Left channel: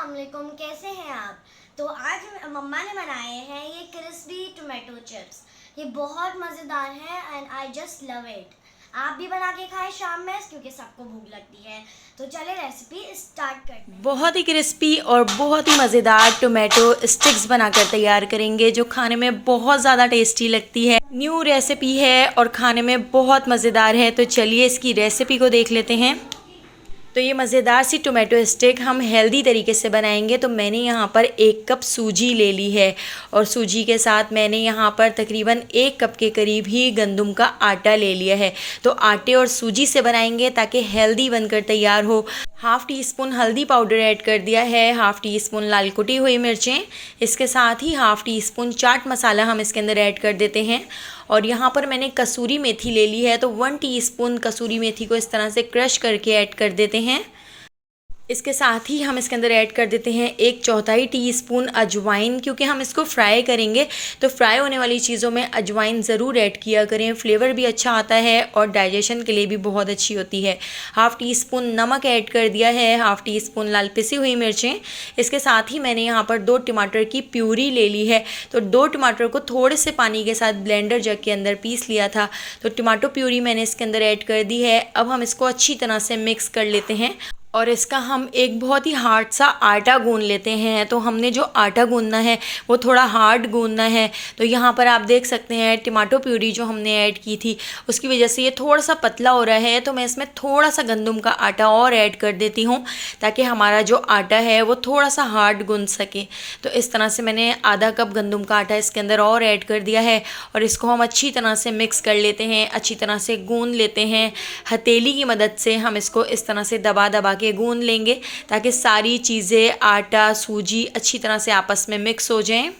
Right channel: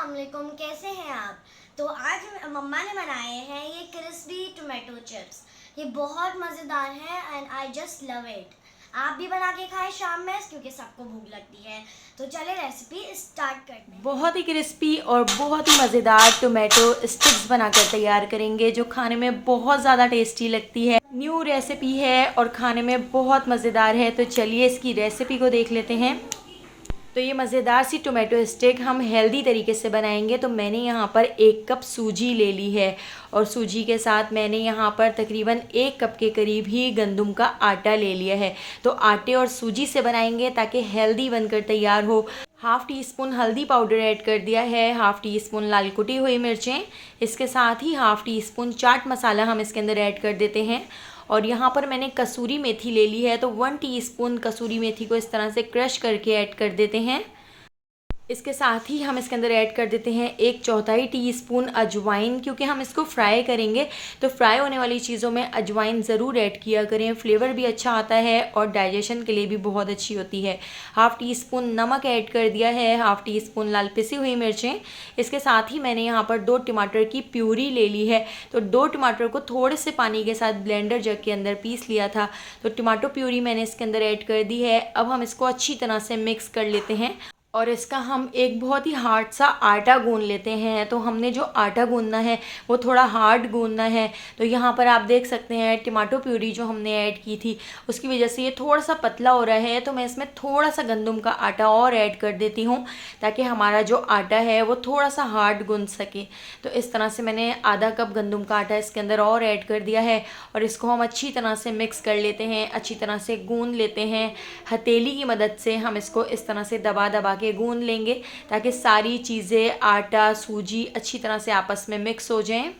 अस्सलाम वालेकुम, कैसे हैं आप। तो आज मम्मा ने बनाए हैं ये क्रिस्पी टोमेटो चिप्स। ये बहुत मज़ेदार हैं and I just love it. आप भी बना के खाएं शाम में, क्योंकि सबको भूख लगती है। तो चले रेसिपी स्टार्ट करते हैं। बहुत ही क्रिस्पी और बहुत ही मज़ेदार टोमेटो स्टिक्स बनाकर तैयार करेंगे, जो खाने में बहुत ज़्यादा टेस्टी लगती है। न्यू रेसिपी है और खाने में बहुत मज़ेदार है। तो चलिए इसकी रेसिपी को देख लेते हैं। तो ये मज़ेदार सी टोमेटो स्टिक हम हेल्दी तरीके से बनाएंगे। तो मैंने यहाँ पर 1 कप सूजी ले ली है और सूजी के साथ मैंने यहाँ पर तकरीबन 1 कप के करीब ही गंदम का आटा ले लिया है। तो आटे और सूजी से बनाएंगे ताकि हेल्दी बनकर तैयार हो। हाफ़ टी स्पून हल्दी पाउडर ऐड कर दिया है, हाफ़ टी स्पून लाल कुटी हुई मिर्चें, इसके साथ ही half tea spoon chaat masala हम इसके अंदर ऐड कर देते हैं। और यहाँ पर मैंने कसूरी मेथी ले ली है, तो 1 टीस्पून कसूरी मेथी को इस तरह से क्रश करके ऐड कर देते हैं। इसके साथ ही हम इसके अंदर ऐड कर देते हैं 1/4 टीस्पून अजवाइन, क्योंकि हम इसको फ्राई करेंगे तो फ्राई होने वाली चीज़ों में अजवाइन ज़रूर ऐड किया करें। फ्लेवर भी अच्छा आता है और डाइजेशन के लिए भी बहुत अच्छी होती है। हाफ़ टी स्पून नमक ऐड कर दिया है, हाफ़ टी स्पून लाल पिसी हुई मिर्चें। इसके साथ ही मैंने यहाँ पर 2 टमाटर की प्यूरी ले ली है। तो 2 टमाटर को थोड़े से पानी के साथ ब्लेंडर जग के अंदर पीस लिया था। तो टमाटो प्यूरी मैंने इसके अंदर ऐड कर दी है। अब हम इसको अच्छी तरह से मिक्स कर लेते हैं और इसका हम एक बहुत ही हार्ड सा आटा गूंद लेते हैं। तो हमने जो आटा गूंदना है वो थोड़ा हार्ड गूंदना है। तो यहाँ पर आप देख सकते हैं टमाटो प्यूरी जो हमने ऐड की थी उसकी वजह से ये थोड़ा सा पतला हो रहा है। तो मैं इसमें थोड़ा सा गंदम का आटा और ऐड कर देती हूँ ताकि हमारा जो आटा है वो थोड़ा सा हार्ड गूंद सके। तो इस तरह से मैंने आधा कप गंदम का आटा इसके अंदर और ऐड कर दिया है और इसको हम अच्छी तरह से मिक्स कर लेते हैं, अच्छी तरह से गूंद लेते हैं। हथेली की मदद से हम इसको इस तरह से दबा दबा के गूंद लेंगे ताकि सारी चीज़ें आटा सूजी अच्छी तरह से आपस में मिक्स हो जाएं।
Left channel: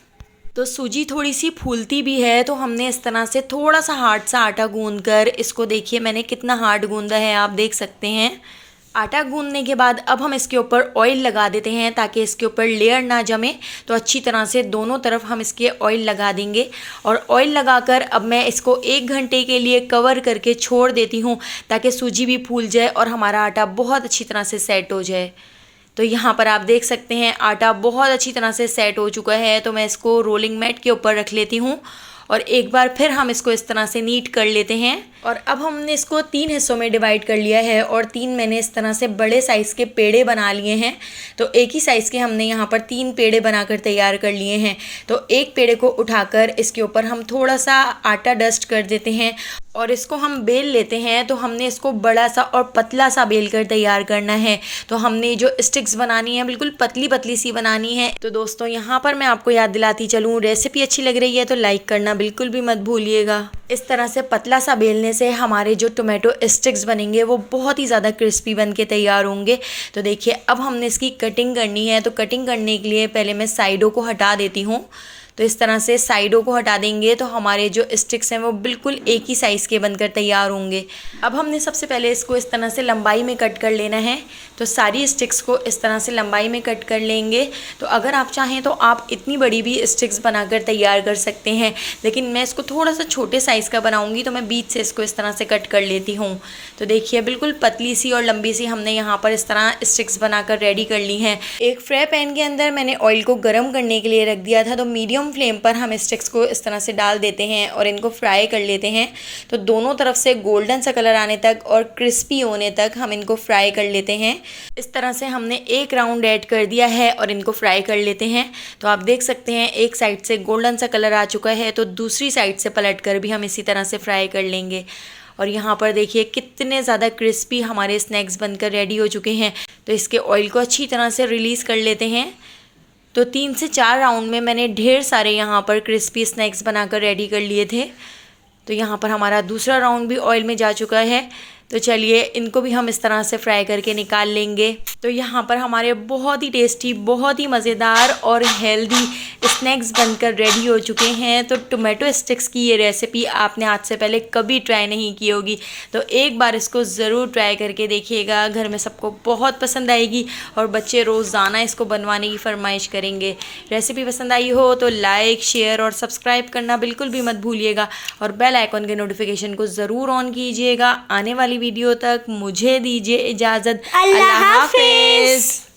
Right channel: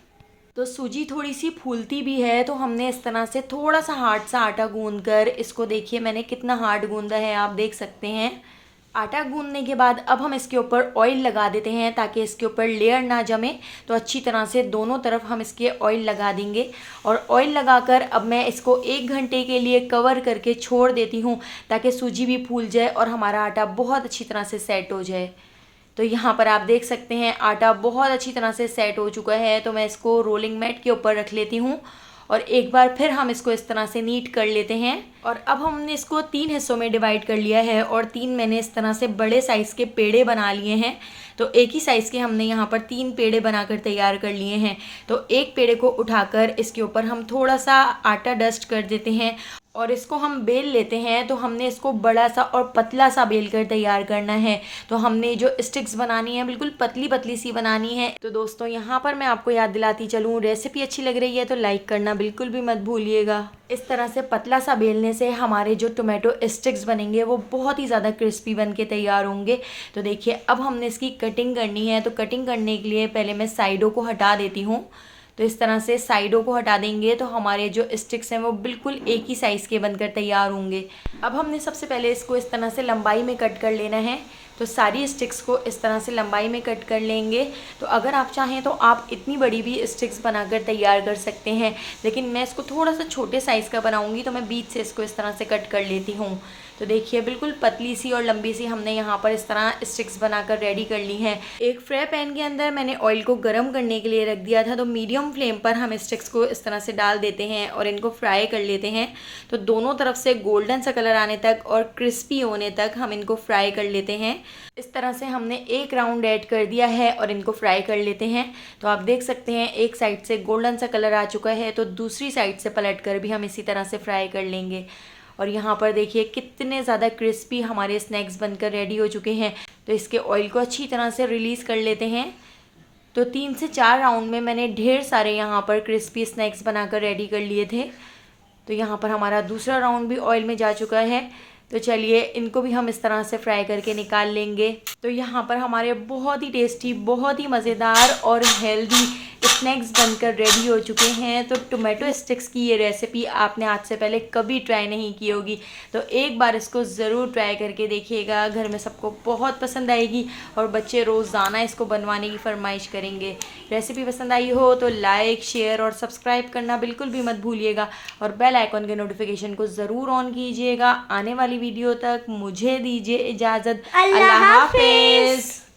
तो सूजी थोड़ी सी फूलती भी है, तो हमने इस तरह से थोड़ा सा हार्ड सा आटा गूंद कर इसको, देखिए मैंने कितना हार्ड गूंदा है, आप देख सकते हैं। आटा गूंदने के बाद अब हम इसके ऊपर ऑयल लगा देते हैं ताकि इसके ऊपर लेयर ना जमे। तो अच्छी तरह से दोनों तरफ हम इसके ऑयल लगा देंगे और ऑयल लगाकर अब मैं इसको 1 घंटे के लिए कवर करके छोड़ देती हूँ ताकि सूजी भी फूल जाए और हमारा आटा बहुत अच्छी तरह से सेट हो जाए। तो यहाँ पर आप देख सकते हैं आटा बहुत अच्छी तरह से सेट हो चुका है। तो मैं इसको रोलिंग मैट के ऊपर रख लेती हूँ और एक बार फिर हम इसको इस तरह से नीट कर लेते हैं। और अब हमने इसको 3 हिस्सों में डिवाइड कर लिया है और 3 मैंने इस तरह से बड़े साइज़ के पेड़े बना लिए हैं। तो एक ही साइज़ के हमने यहाँ पर 3 पेड़े बनाकर तैयार कर लिए हैं। तो एक पेड़े को उठाकर इसके ऊपर हम थोड़ा सा आटा डस्ट कर देते हैं और इसको हम बेल लेते हैं। तो हमने इसको बड़ा सा और पतला सा बेल कर तैयार करना है। तो हमने जो स्टिक्स बनानी है बिल्कुल पतली पतली सी बनानी है। तो दोस्तों यहाँ पर मैं आपको याद दिलाती चलूँ, रेसिपी अच्छी लग रही है तो लाइक करना बिल्कुल भी मत भूलिएगा। इस तरह से पतला सा बेलने से हमारे जो टोमेटो स्टिक्स बनेंगे वो बहुत ही ज़्यादा क्रिस्पी बन के तैयार होंगे। तो देखिए अब हमने इसकी कटिंग करनी है। तो कटिंग करने के लिए पहले मैं साइडों को हटा देती हूँ। तो इस तरह से साइडों को हटा देंगे तो हमारे जो स्टिक्स हैं वो बिल्कुल एक ही साइज़ के बनकर तैयार होंगे। अब हमने सबसे पहले इसको इस तरह से लंबाई में कट कर लेना है। तो सारी स्टिक्स को इस तरह से लंबाई में कट कर लेंगे। तो अगर आप चाहें तो आप इतनी बड़ी भी स्टिक्स बनाकर तैयार कर सकते हैं, लेकिन मैं इसको थोड़ा सा छोटे साइज़ का बनाऊंगी तो मैं बीच से इसको इस तरह से कट कर लेती हूँ। तो देखिए बिल्कुल पतली सी और लंबी सी हमने यहाँ पर इस तरह स्टिक्स बनाकर रेडी कर ली हैं। एक फ्राई पैन के अंदर मैंने ऑयल को गर्म करने के लिए रख दिया था। तो मीडियम फ्लेम पर हम स्टिक्स को इस तरह से डाल देते हैं और इनको फ्राई कर लेते हैं। तो दोनों तरफ से गोल्डन सा कलर आने तक और क्रिस्पी होने तक हम इनको फ्राई कर लेते हैं। इस तरह से हमने एक राउंड ऐड कर दिया है और इनको फ्राई कर लेते हैं। तो आप देख सकते हैं एक साइड से गोल्डन सा कलर आ चुका है, तो दूसरी साइड से पलट कर भी हम इसी तरह से फ्राई कर लेंगे। और यहाँ पर देखिए कितने ज़्यादा क्रिस्पी हमारे स्नैक्स बनकर रेडी हो चुके हैं। तो इसके ऑयल को अच्छी तरह से रिलीज़ कर लेते हैं। तो 3 से 4 राउंड में मैंने ढेर सारे यहाँ पर क्रिस्पी स्नैक्स बनाकर रेडी कर लिए थे। तो यहाँ पर हमारा दूसरा राउंड भी ऑयल में जा चुका है। तो चलिए इनको भी हम इस तरह से फ्राई करके निकाल लेंगे। तो यहाँ पर हमारे बहुत ही टेस्टी, बहुत ही मज़ेदार और हेल्दी स्नैक्स बनकर रेडी हो चुके हैं। तो टोमेटो स्टिक्स की ये रेसिपी आपने आज से पहले कभी ट्राई नहीं की होगी, तो एक बार इसको ज़रूर ट्राई करके देखिएगा। घर में सबको बहुत पसंद आएगी और बच्चे रोज़ाना इसको बनवाने की फरमाइश करेंगे। रेसिपी पसंद आई हो तो लाइक, शेयर और सब्सक्राइब करना बिल्कुल भी मत भूलिएगा और बेल आइकॉन के नोटिफिकेशन को ज़रूर ऑन कीजिएगा। आने वाली वीडियो तक मुझे दीजिए इजाज़त। अल्लाह हाफिज़।